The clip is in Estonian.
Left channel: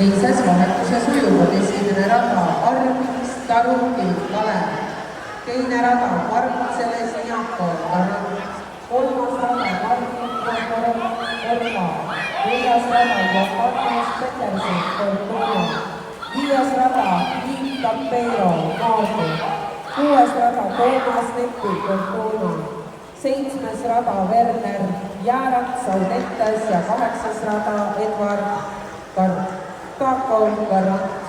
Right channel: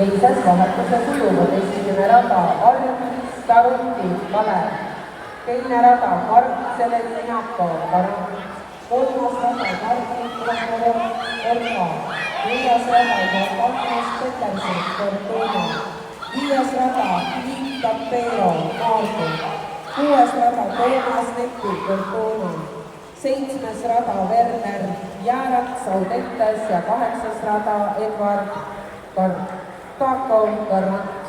teises vahetuses ujuvad esimene rada Arvis, Taruti, Kalev. Teine rada Arvitseles, Jaako, Tarand. Kolmas rada Arvis, Orva. Neljas rada Arvis, Peterson, Tortuga. Viies rada Liit Tampero, Maardu. Kuues rada Toomas Nepi, Tortuga. Seitsmes rada Werner Jäärak, Saudetes ja kaheksas rada Edward Kakon, Garant.